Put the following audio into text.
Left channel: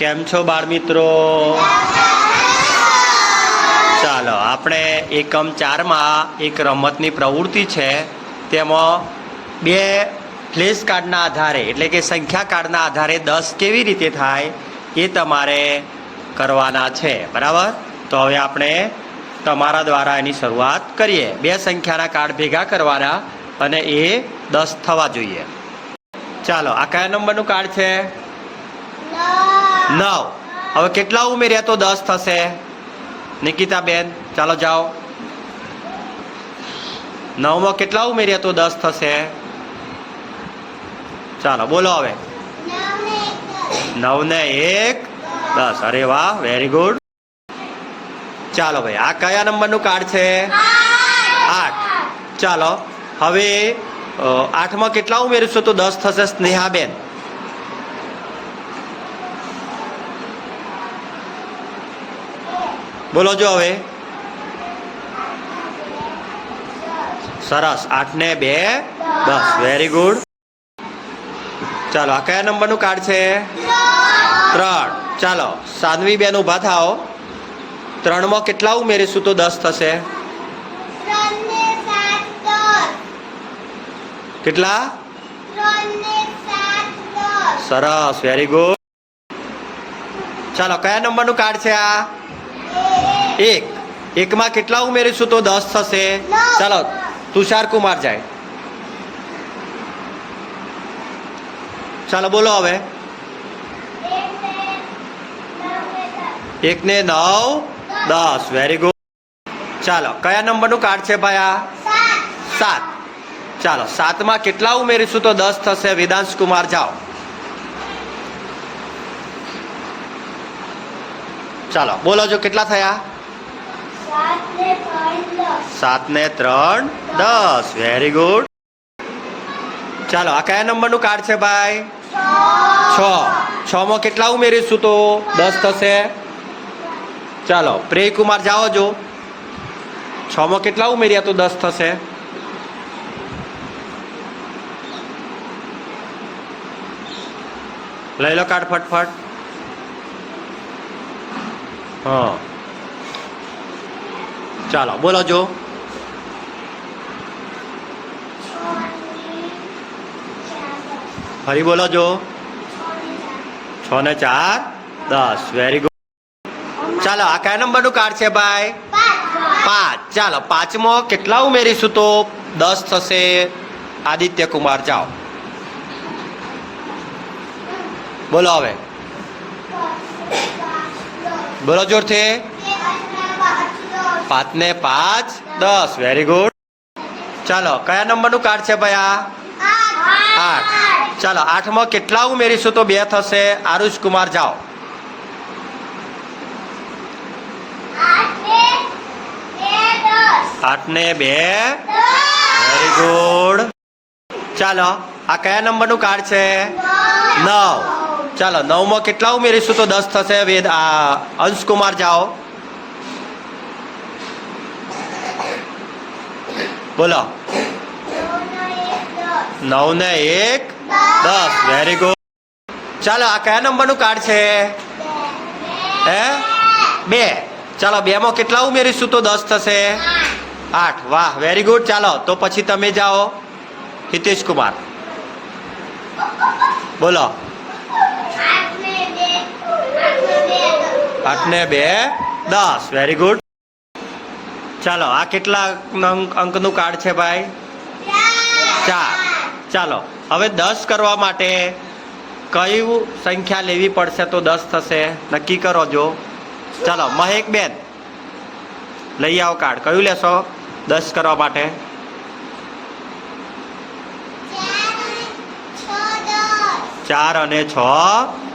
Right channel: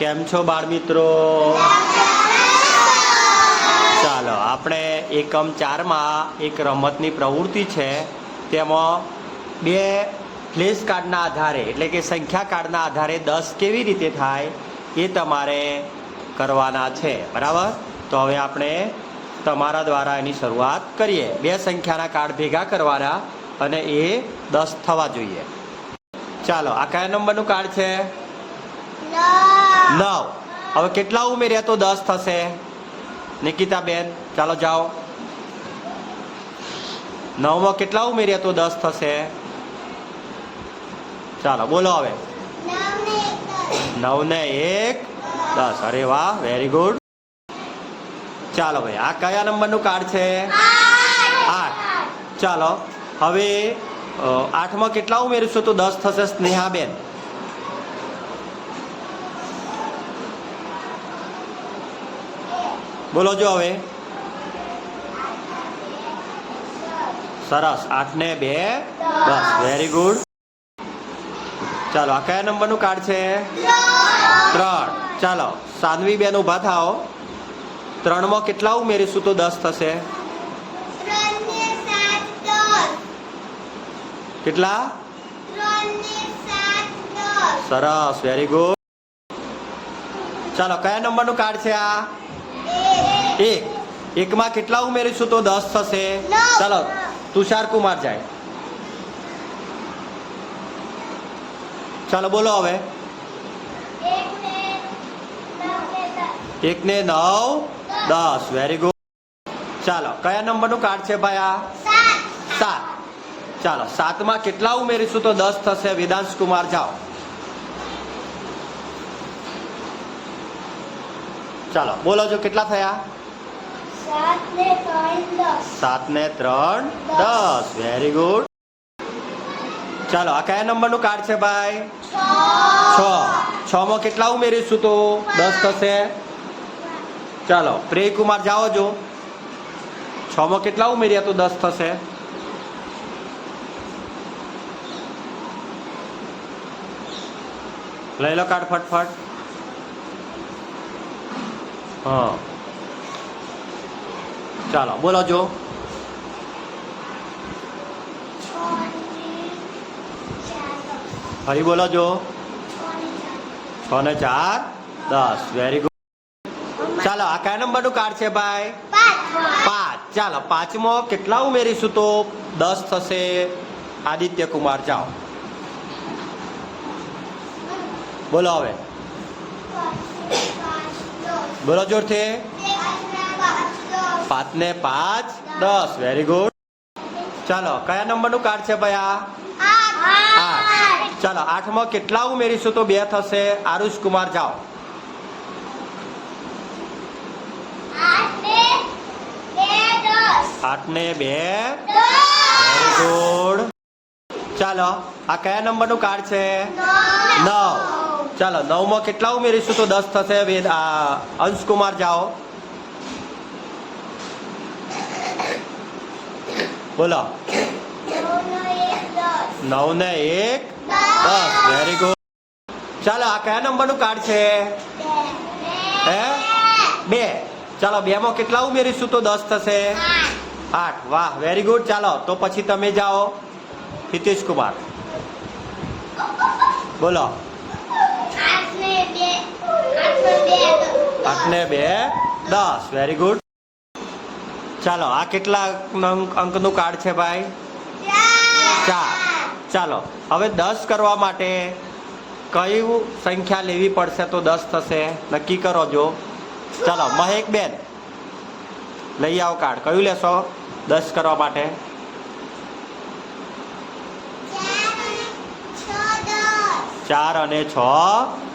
કેમ છો બાળ મિત્રો? ચાલો આપણે એકમ 4માં એક રમતની પ્રવૃત્તિ છે. તેમાં બે ફ્લેશ કાર્ડના આધારે એટલે કે સંખ્યા કાર્ડના આધારે 10 કેવી રીતે થાય એ તમારે કરવાના છે, બરાબર? તો હવે આપણે તમારા દ્વારા એની શરૂઆત કરીએ. બે સંખ્યાના કાર્ડ ભેગા કરવાના અને એ 10 થવા જોઈએ. ચાલો, આ કયા નંબરનું કાર્ડ છે? 9. હવે કેટલા ઉમેર્યા તો 10 થશે? નિકિતા બેન, ચાલો જાઓ. 9માં કેટલા ઉમેર્યા તો 10 થશે? ચાલો બોલો હવે. 9 ને 1 10. અરે વાહ, વેરી ગુડ. ચાલો ભાઈ, આ કયા નંબરનું કાર્ડ છે? 8. ચાલો હવે 8માં કેટલા ઉમેરીશું તો 10 થશે? સ્નેહાબેન, બોલો જો હવે. સરસ, 8 ને 2 10. Very good. ચાલો, આ કયા નંબરનું કાર્ડ છે? 3. ચાલો સાનવી બેન ઊભા થાઓ. 3માં કેટલા ઉમેરીશું તો 10 થશે? કેટલા? સરસ, વેરી ગુડ. ચાલો, કયા નંબરનું કાર્ડ છે આ? 1. 1માં કેટલા ઉમેરીશું તો 10 થશે? ચાલો તુષાર કુમાર જાય. ચાલો બોલો હવે. 1 ને 9 10. Very good. ચાલો, કયા નંબરનું કાર્ડ છે ભાઈ આ? 7. ચાલો 7માં કેટલા ઉમેરીશું તો 10 થશે? વેદાંશ કુમાર જાઓ. ચાલો બોલો જો કેટલા થયા? 7 ને 3 10. Very good. ચાલો, આ કયા નંબરનું કાર્ડ છે ભાઈ? 6. 6માં કેટલા ઉમેરીશું તો 10 થશે? ચાલો પ્રેય કુમાર જાઓ જો. 6માં કેટલા ઉમેર્યા તો 10 થશે? લઈ લો કાર્ડ ફટફટ. હા, ચાલો બોલો જો. 6 બોલો જો. 6 ને 4 10. Very good. ચાલો, આ કયા નંબરનું કાર્ડ છે ભાઈ? 5. ચાલો 5માં કેટલા ઉમેરીશું તો 10 થશે? આદિત્ય કુમાર જાઓ. બોલો હવે. બોલો જોરથી. 5 ને 5 10. Very good. ચાલો, કયા નંબરનું કાર્ડ છે ભાઈ આ? 8. ચાલો 8માં કેટલા ઉમેરીશું તો 2 થશે? આરુષ કુમાર જાઓ. 8 ને 2 વેરી ગુડ. ચાલો, આ કયા નંબરનું કાર્ડ છે? 9. ચાલો 9માં કેટલા ઉમેરીશું તો 10 થશે? અંશકુમાર જાઓ. બોલો. 9 ને 1 10. Very good. ચાલો, આ કયા નંબરનું કાર્ડ છે? 2. ચાલો 2માં કેટલા ઉમેરીશું તો 10 થશે? 8. વાહ, વેરી ગુડ. ચાલો તો પછી તમે જાઓ. હિતેશ કુમાર, બોલો. 8 ને 2 10. Very good. ચાલો, આ કેટલા અંકનું કાર્ડ છે ભાઈ? 4. ચાલો હવે 10 કરવા માટે કઈ સંખ્યા લેવી પડશે તો 10 થશે? નક્કી કરો જો. ચાલો મહેક બેન, લઈ આવો કાર્ડ. કયું લેશો 10 કરવા માટે? 4 અને 6